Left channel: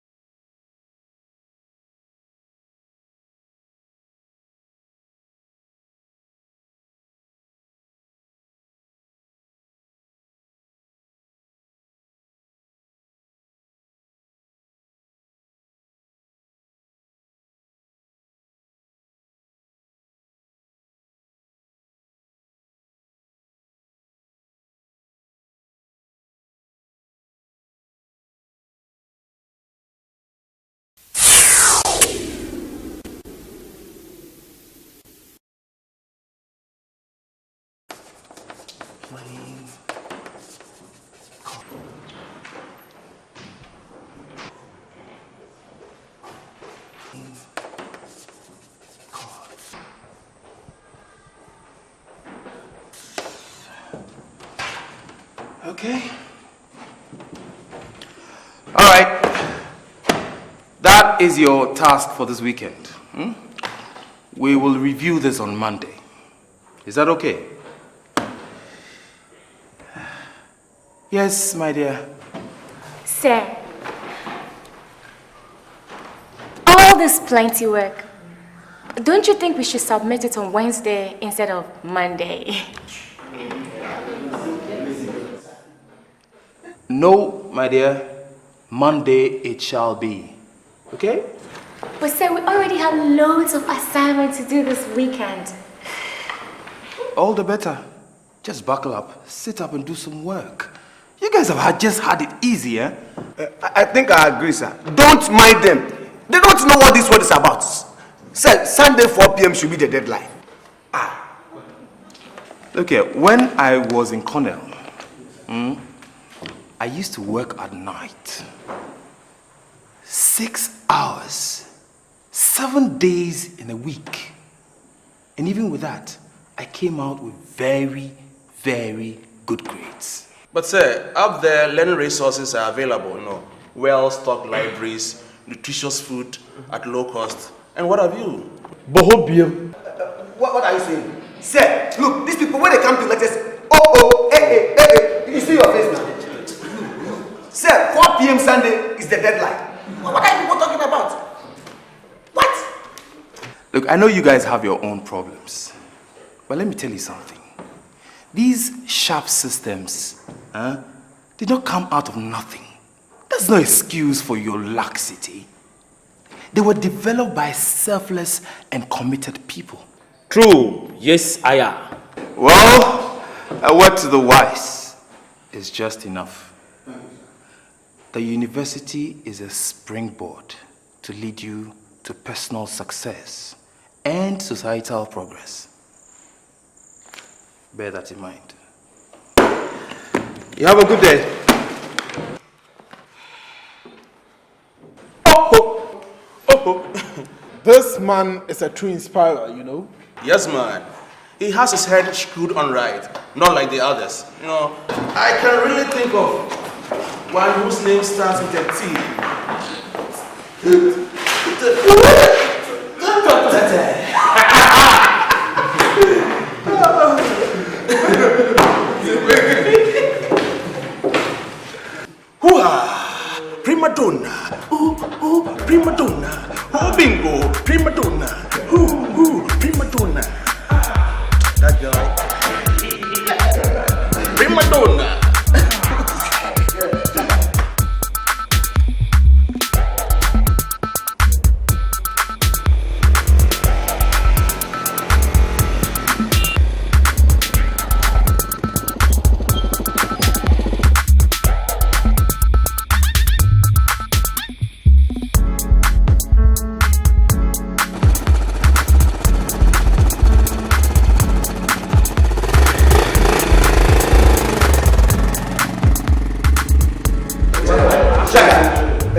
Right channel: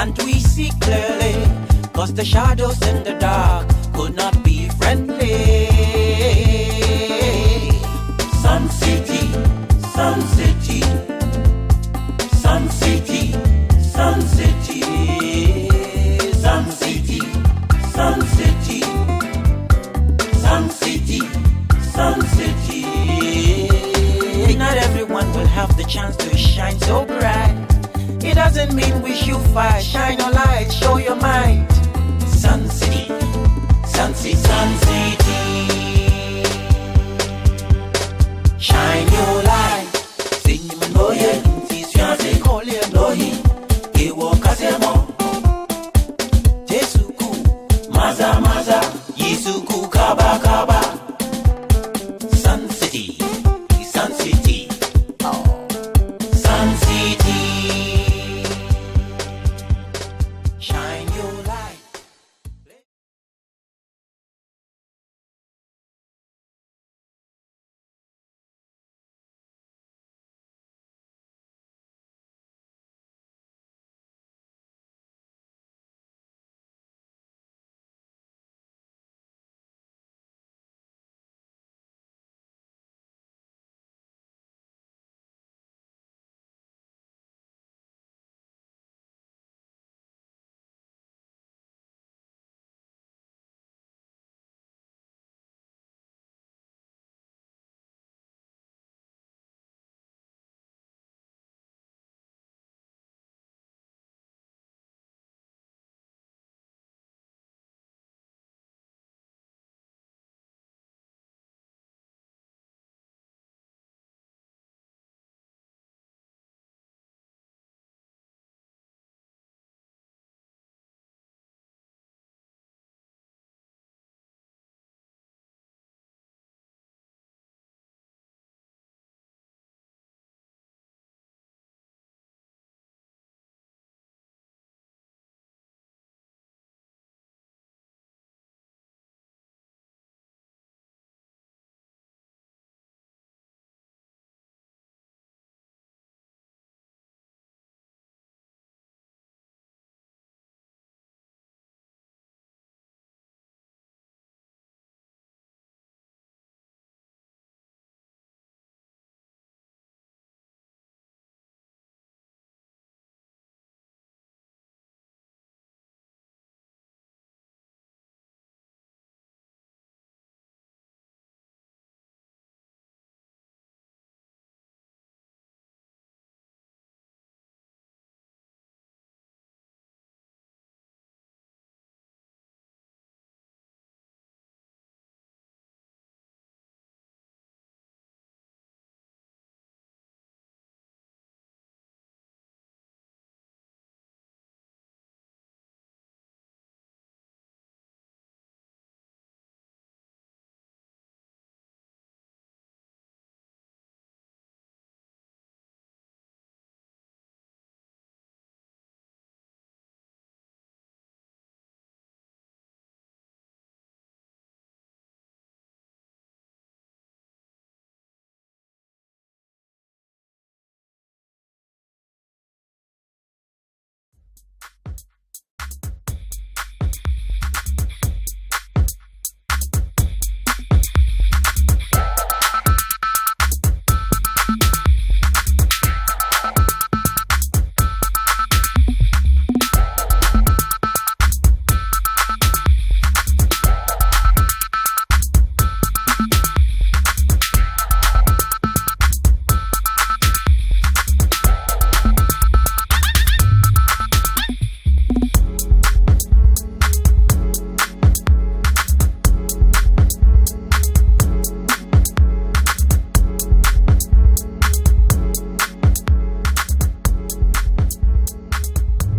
and we see clearly, 'cause the shadows in the dark could not be friendly. Sun City, Sun City, Sun City, Sun City, Sun City, Sun City, Sun City, Sun City. Not everyone will have the chance to shine so bright. It doesn't mean we should fight. Shine your light, show your mind. Sun City, Sun City, Sun City. Shine your light. Sing him and know ye. Teach you and say call him know ye. He walk as a mo. Tesuku, maza maza. Yisuku kaba kaba. Sun City, Sun City. Okay. Sun City. All right. That is your task for this weekend. We will review this on Monday. Is that okay? Yes, my dear. Sir, all this plenty work, don't you think we should submit it on Wednesday instead of Monday? No, my dear. Monday it shall be. Okay? But sir, we already have loads of assignments to do this weekend. All the better. Just buckle up, sit up and do some work. You guys have just had it easy, eh? I think I agree, sir. Don't mind them. They don't know what this word is about. Sir, Sunday 4 p.m. should be the deadline. Look here, when I was in Cornell, I used to work at night. 6 hours, 7 days in a week. And even with that, I came out with very, very good grades. But sir, up there, learning resources are available, well-stocked libraries, nutritious food at low cost. And what have you? Bohobium. What are you saying? Sir, look, these people, when they come to lectures, hey, you see your face now. Sir, 4 p.m. Sunday is the deadline. What are you people talking about? What? Look, I know you guys have your own problems, but let me tell you something. These sharp systems, did not come out of nothing. That's no excuse for your laxity. They were developed by selfless and committed people. True. Yes, I am. Well, a word to the wise is just enough. The university is a springboard to lead you to personal success and societal progress. Bear that in mind. You have a good day. This man is a true inspirer, Yes, man. He has his head screwed on right, not like the others. I can really think of one whose name starts with a T. Prima donna, prima donna, bingo, prima donna, prima donna. That girl, prima donna.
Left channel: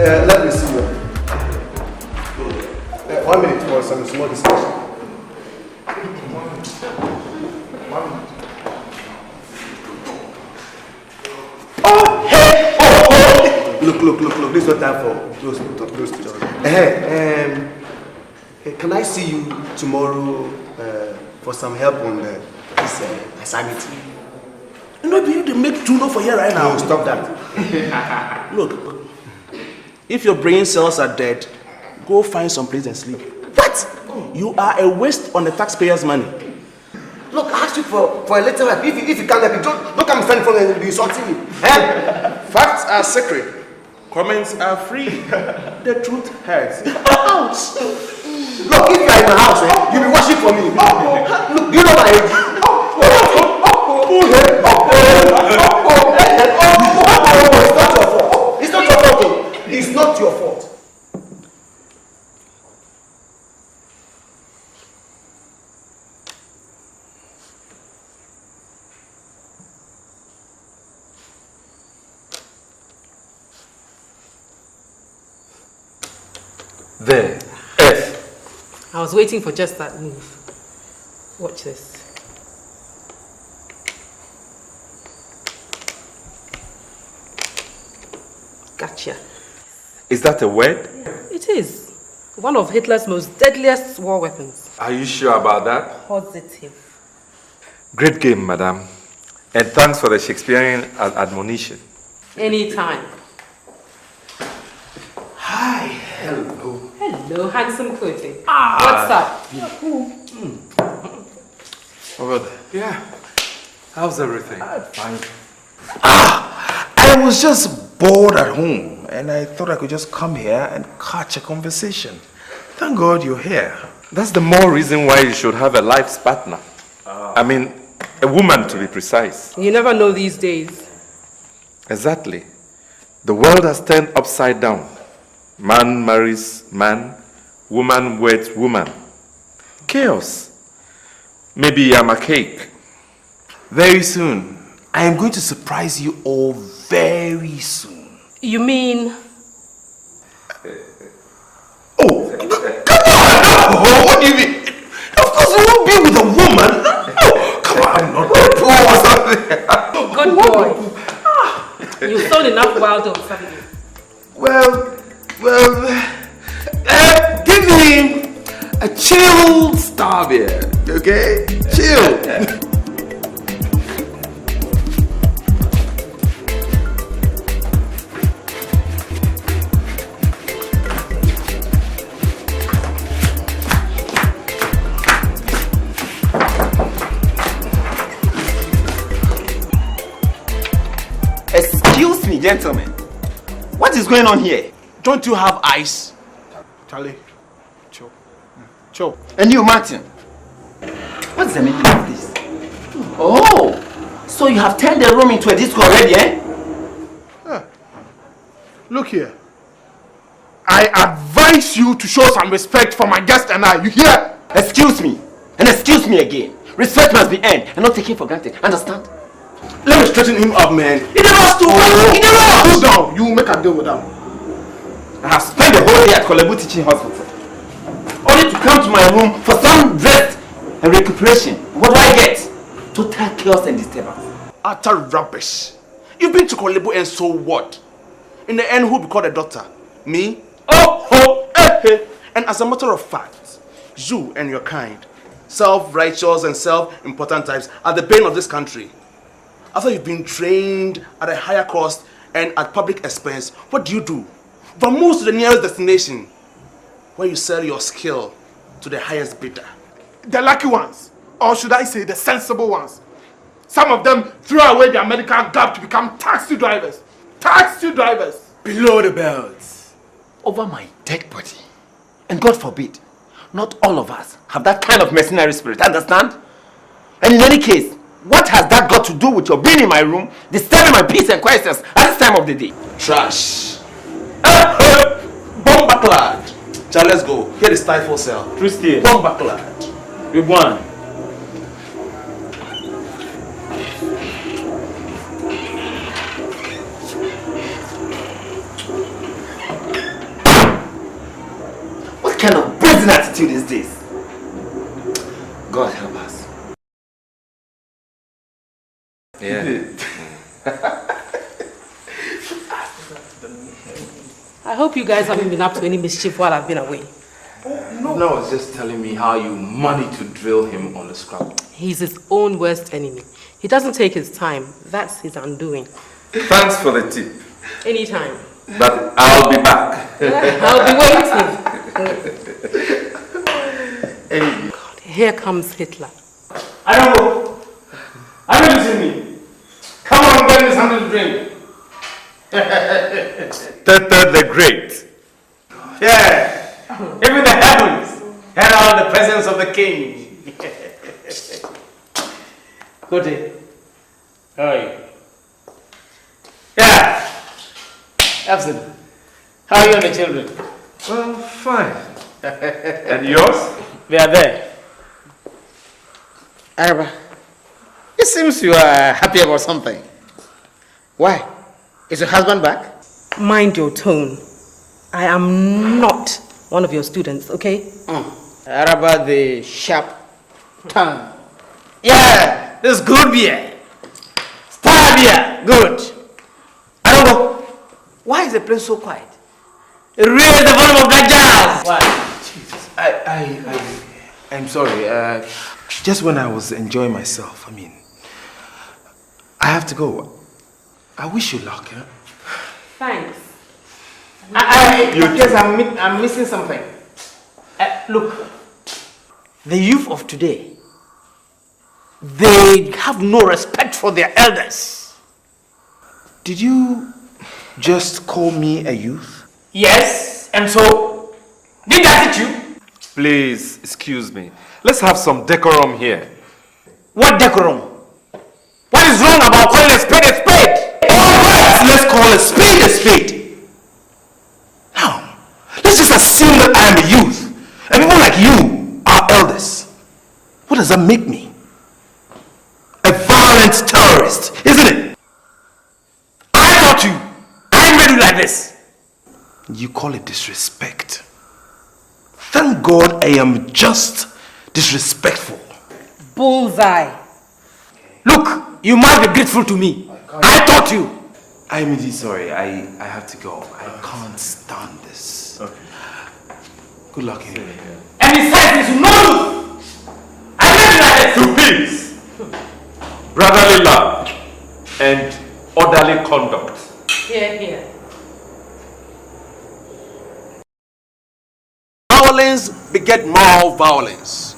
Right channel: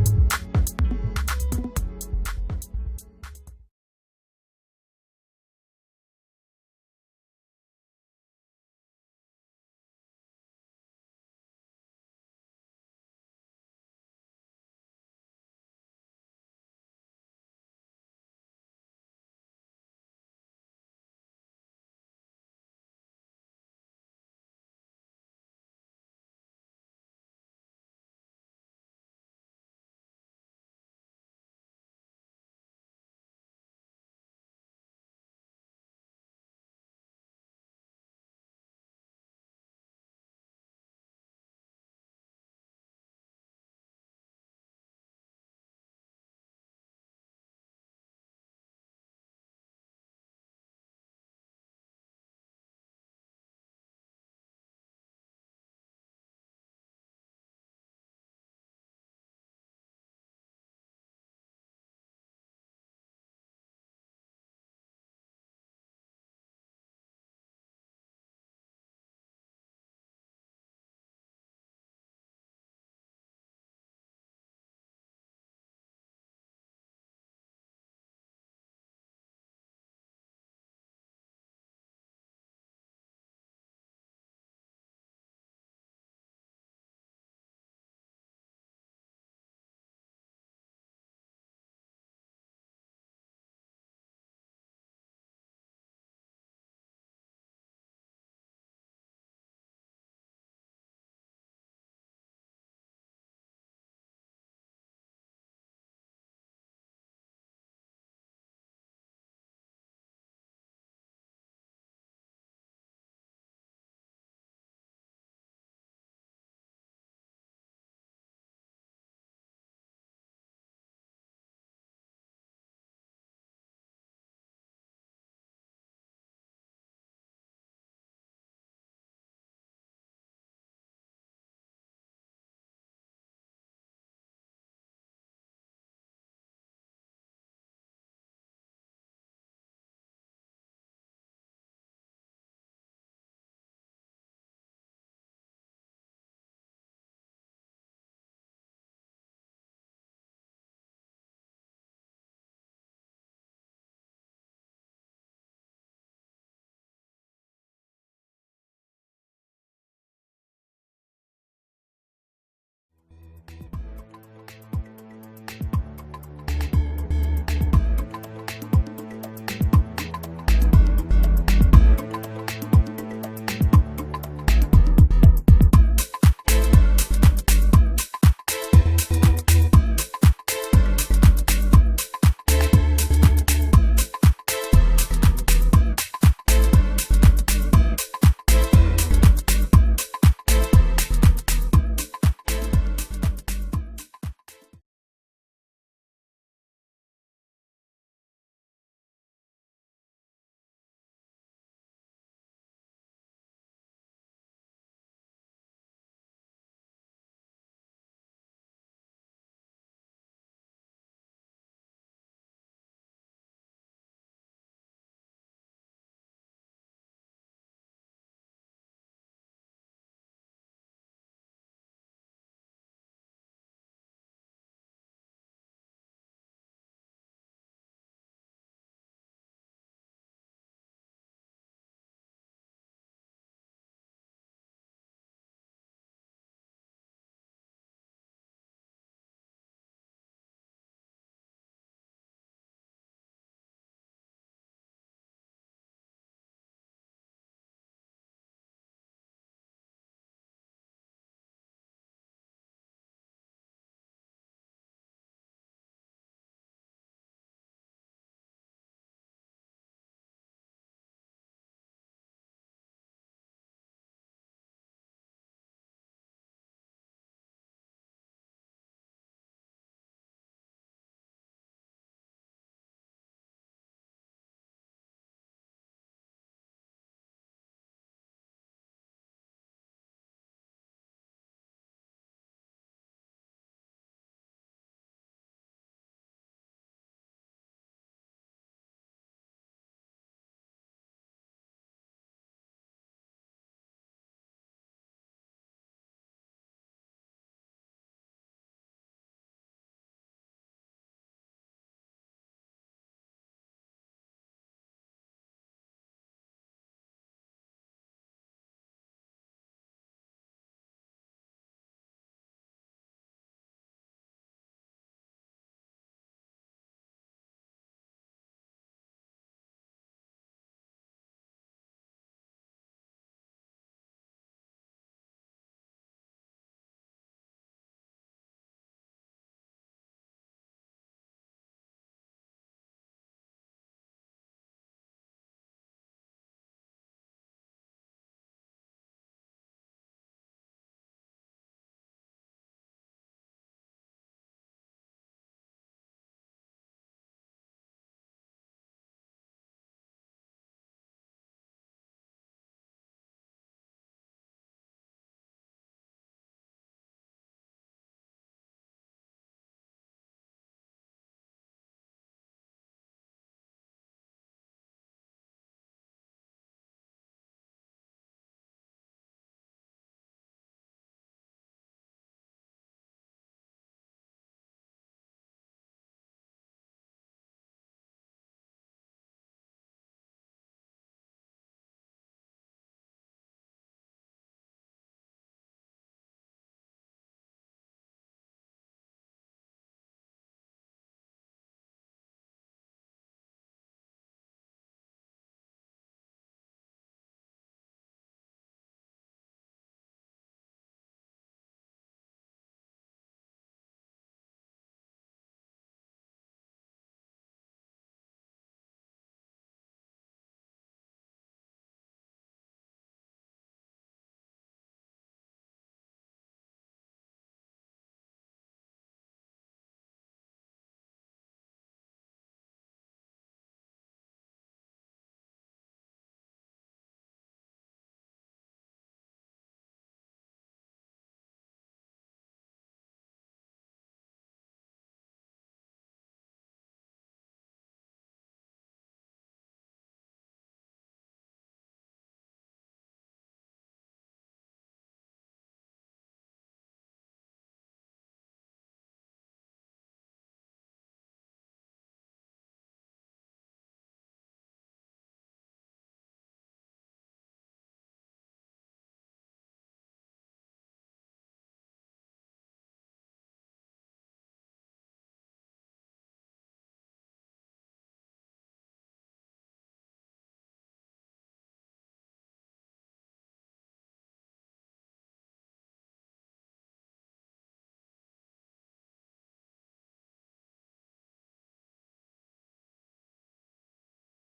Let me see you. 1 minute for some small discussion. Look. This is not time for those to Hey, can I see you tomorrow for some help on this assignment? You know, you to make too low for here right now. No, stop that. Look, If your brain cells are dead, go find some place and sleep. What? You are a waste on the taxpayers' money. Look, I asked you for a little help. If you can't help me, don't come stand in front and be insulting me. Eh? Facts are sacred. Comments are free. The truth hurts. Ouch! Look, if you are in my house, you'll be watching for me. Look, do you know my age? It's not your fault. It's not your fault. There. F. I was waiting for just that move. Watch this. Gotcha. Is that a word? It is. One of Hitler's most deadliest war weapons. Are you sure about that? Positive. Great game, madam. And thanks for the Shakespearean admonition. Anytime. Hi. Hello. Hello, handsome Kote. What's up? Over there. Yeah. How's everything? Fine. I was just bored at home and I thought I could just come here and catch a conversation. Thank God you're here. That's the more reason why you should have a life's partner. I mean, a woman to be precise. You never know these days. Exactly. The world has turned upside down. Man marries man, woman weds woman. Chaos. Maybe I'm a cake. Very soon. I am going to surprise you all very soon. You mean? Oh, come on! No, what do you mean? Of course you won't be with a woman. No, come on, I'm not that poor or something. Good boy. You've sown enough wild oats, haven't you? Well, give me a chill star beer, okay? Chill. Excuse me, gentlemen. What is going on here? Don't you have eyes? Charlie, chill. Chill. And you, Martin. What's the meaning of this? Oh, so you have turned the room into a disco already, eh? Look here. I advise you to show some respect for my guest and I. You hear? Excuse me. And excuse me again. Respect must be earned and not taken for granted. Understand? Let me straighten him up, man. He never has to. He never has. Cool down. You make a deal with them. I have spent the whole day at Kolebu Teaching Hospital. Only to come to my room for some rest and recuperation. What do I get? Total chaos and disturbance. Utter rubbish. You've been to Kolebu and so what? In the end, who will be called a doctor? Me? And as a matter of fact, you and your kind, self-righteous and self-important types, are the bane of this country. After you've been trained at a higher cost and at public expense, what do? Vamoose to the nearest destination, where you sell your skill to the highest bidder. The lucky ones, or should I say the sensible ones. Some of them threw away their medical gap to become taxi drivers. Taxi drivers! Below the belts. Over my dead body. And God forbid, not all of us have that kind of mercenary spirit, understand? And in any case, what has that got to do with your being in my room, disturbing my peace and quietness at this time of the day? Trash. Bomba clad. Child, let's go. Here is stifle cell. Christian. Bomba clad. Good one. What kind of brazen attitude is this? God help us. Yeah. I hope you guys haven't been up to any mischief while I've been away. No, I was just telling me how you managed to drill him on the scrap. He's his own worst enemy. He doesn't take his time. That's his undoing. Thanks for the tip. Anytime. but I'll be back. I'll be waiting. Here comes Hitler. I don't go. I don't listen to me. Come on, get me something to drink. Tete the Great. Yeah. Even the heavens had all the presence of the king. Good day. How are you? Yeah. Absolutely. How are you and the children? Well, fine. And yours? They are there. Araba, it seems you are happy about something. Why? Is your husband back? Mind your tone. I am not one of your students, okay? Araba, the sharp tongue. Yeah, this is good beer. Star beer, good. I don't know. Why is the place so quiet? Raise the volume of that jazz. Why? Jesus, I'm sorry. Just when I was enjoying myself, I have to go. I wish you luck, huh? Thanks. Yes, I'm missing something. Look, the youth of today, they have no respect for their elders. Did you just call me a youth? Yes, and so, did that hit you? Please, excuse me. Let's have some decorum here. What decorum? What is wrong about calling a spade a spade? Alright, let's call a spade a spade. Now, let's just assume that I am a youth, and people like you are elders. What does that make me? A violent terrorist, isn't it? I taught you. I made you like this. You call it disrespect. Thank God I am just disrespectful. Bullseye. Look, you must be grateful to me. I taught you. I'm really sorry. I have to go. I can't stand this. Okay. Good luck anyway. And besides, you know, I made you like this. To peace, brotherly love, and orderly conduct. Here, here. Violence beget more violence.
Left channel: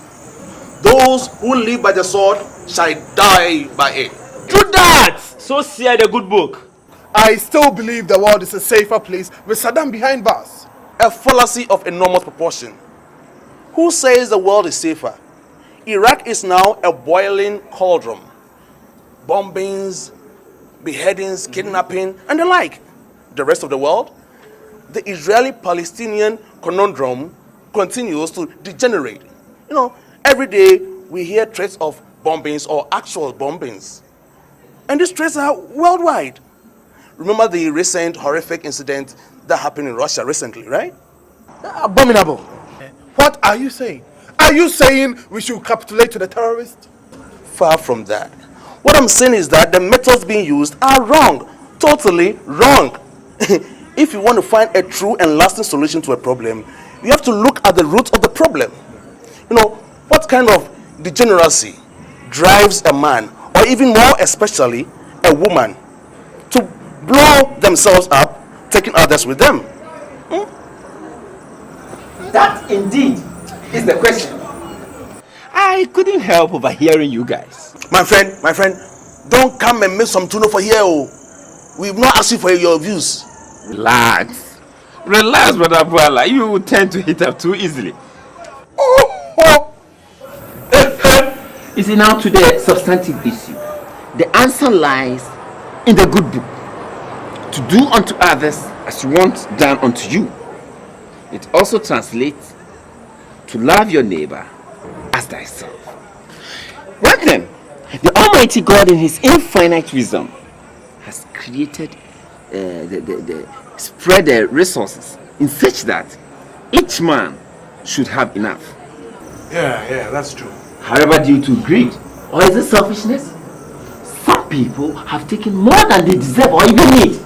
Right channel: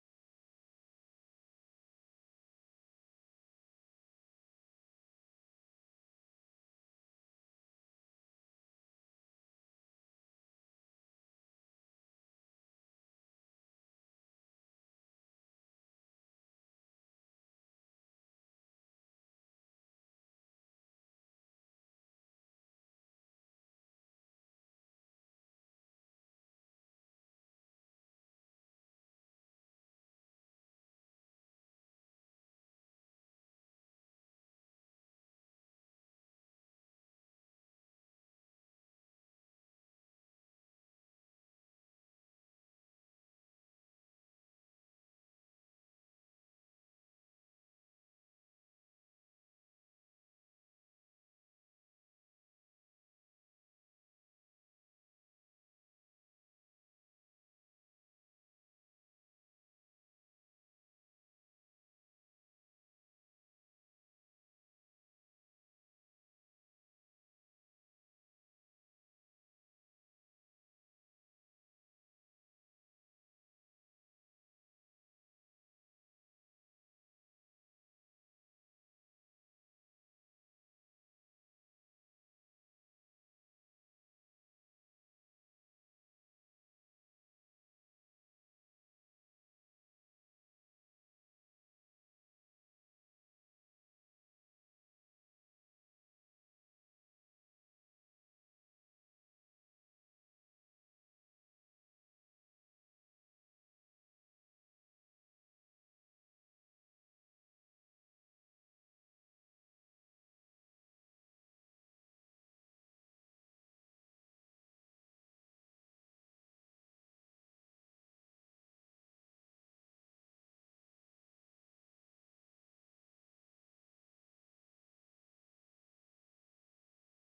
Those who live by the sword shall die by it. True that. So said the good book. I still believe the world is a safer place with Saddam behind bars. A fallacy of enormous proportion. Who says the world is safer? Iraq is now a boiling cauldron. Bombings, beheadings, kidnapping, and the like. The rest of the world? The Israeli-Palestinian conundrum continues to degenerate. Every day we hear threats of bombings or actual bombings. And these threats are worldwide. Remember the recent horrific incident that happened in Russia recently, right? Abominable. What are you saying? Are you saying we should capitulate to the terrorists? Far from that. What I'm saying is that the methods being used are wrong. Totally wrong. If you want to find a true and lasting solution to a problem, you have to look at the root of the problem. What kind of degeneracy drives a man, or even more especially a woman, to blow themselves up, taking others with them? That indeed is the question. I couldn't help overhearing you guys. My friend, don't come and make some tuna for here. Oh. We've not asked you for your views. Relax, brother Boala. You tend to hit up too easily. You see, now to the substantive issue. The answer lies in the good book. To do unto others as you want done unto you. It also translates to love your neighbor as thyself. Well then, the Almighty God in His infinite wisdom has created spread the resources in such that each man should have enough. Yeah, that's true. However, due to greed, or is it selfishness? Some people have taken more than they deserve or even need.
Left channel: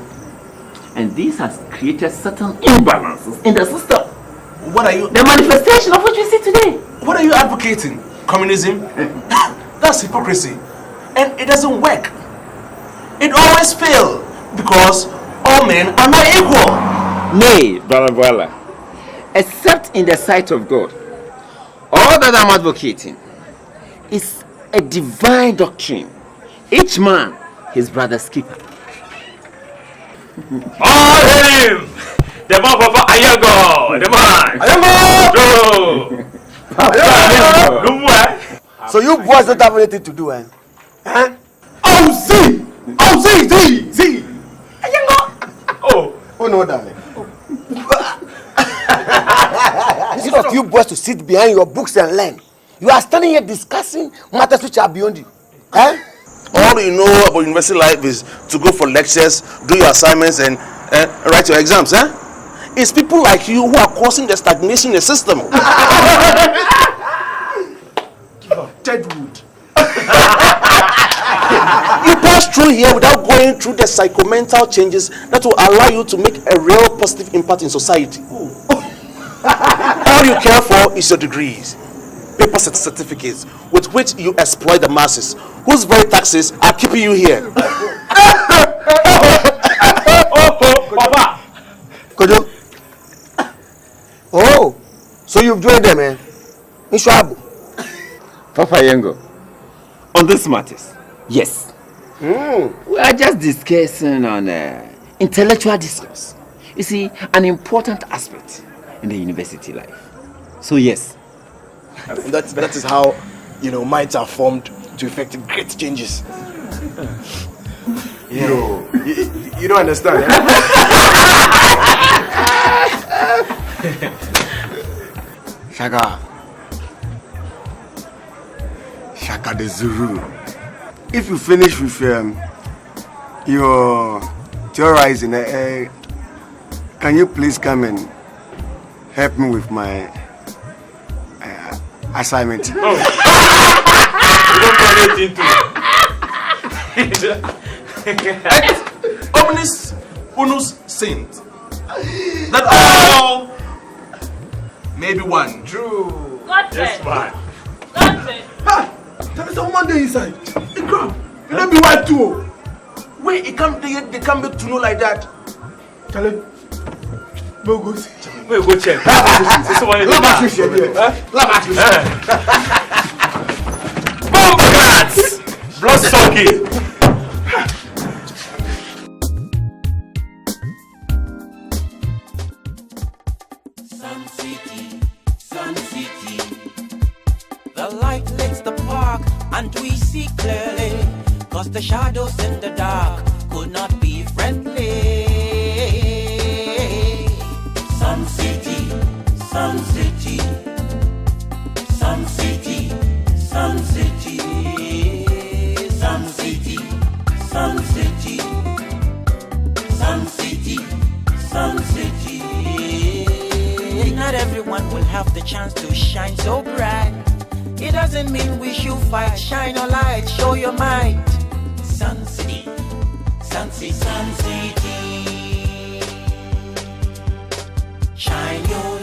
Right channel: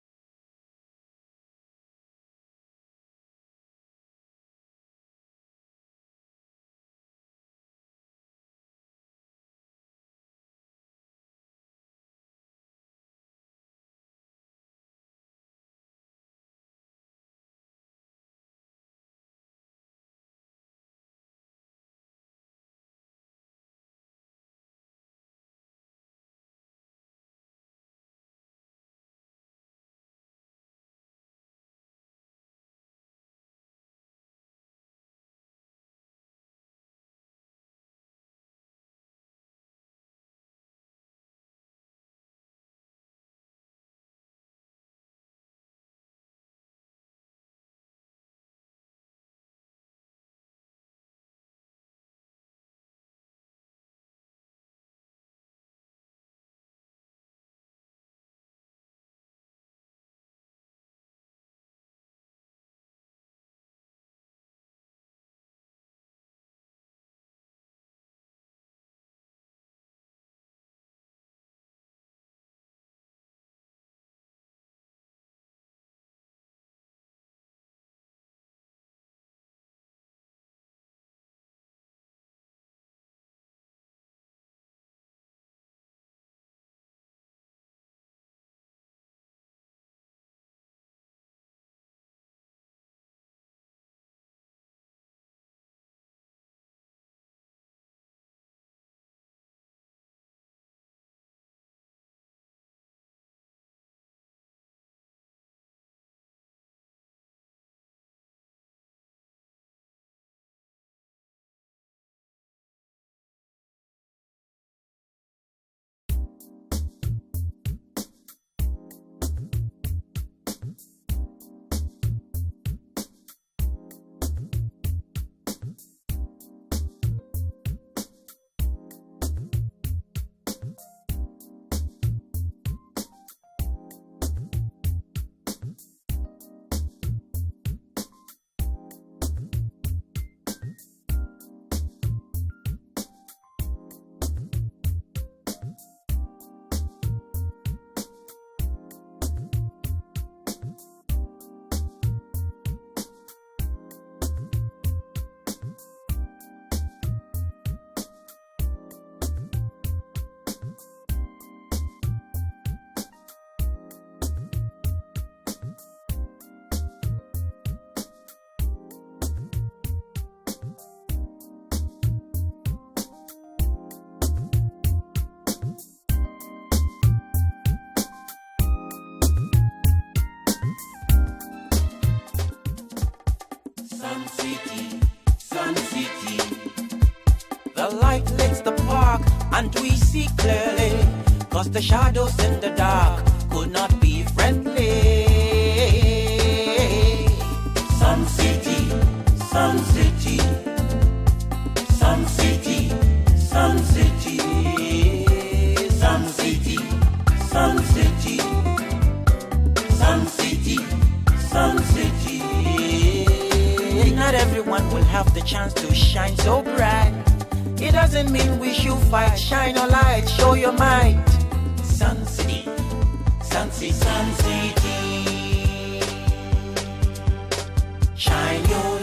And this has created certain imbalances in the system. What are you? The manifestation of what we see today. What are you advocating? Communism? That's hypocrisy. And it doesn't work. It always fails because all men are not equal. Nay, Brother Boala, except in the sight of God. All that I'm advocating is a divine doctrine. Each man his brother's keeper. All him! The man of Ayago! The man! Ayago! So you boys don't have anything to do, eh? Huh? Oh, Z! Oh no, darling. Instead of you boys to sit behind your books and learn, you are standing here discussing matters which are beyond you. Eh? All you know about university life is to go for lectures, do your assignments, and write your exams, eh? It's people like you who are causing the stagnation in the system. Deadwood. You pass through here without going through the psychomental changes that will allow you to make a real positive impact in society. All you care for is your degrees, paper certificates with which you exploit the masses, whose very taxes are keeping you here. Papa! Kojo. Oh, so you've joined them, eh? Ishwabu. Papa Yengo, on this matters, yes. We are just discussing on intellectual discourse. You see, an important aspect in the university life. So yes. That is how, minds are formed to effect great changes. Yeah. You don't understand, eh? Shaka the Zuru. If you finish with your theorizing, can you please come and help me with my assignment? You don't do anything to Et omnis unus sint. That all may be one. True. Yes, man. There is a woman there inside. The crab. You don't be white too. Wait, they can't be to know like that. Tell him. We'll go see. We'll go check. Blood sucking. Sun City. The light lights the park and we see clearly, 'cause the shadows in the dark could not be friendly. Sun City, Sun City, Sun City, Sun City, Sun City, Sun City, Sun City, Sun City. Not everyone will have the chance to shine so bright. It doesn't mean we should fight. Shine your light, show your might. Sun City, Sun City, Sun City. Shine your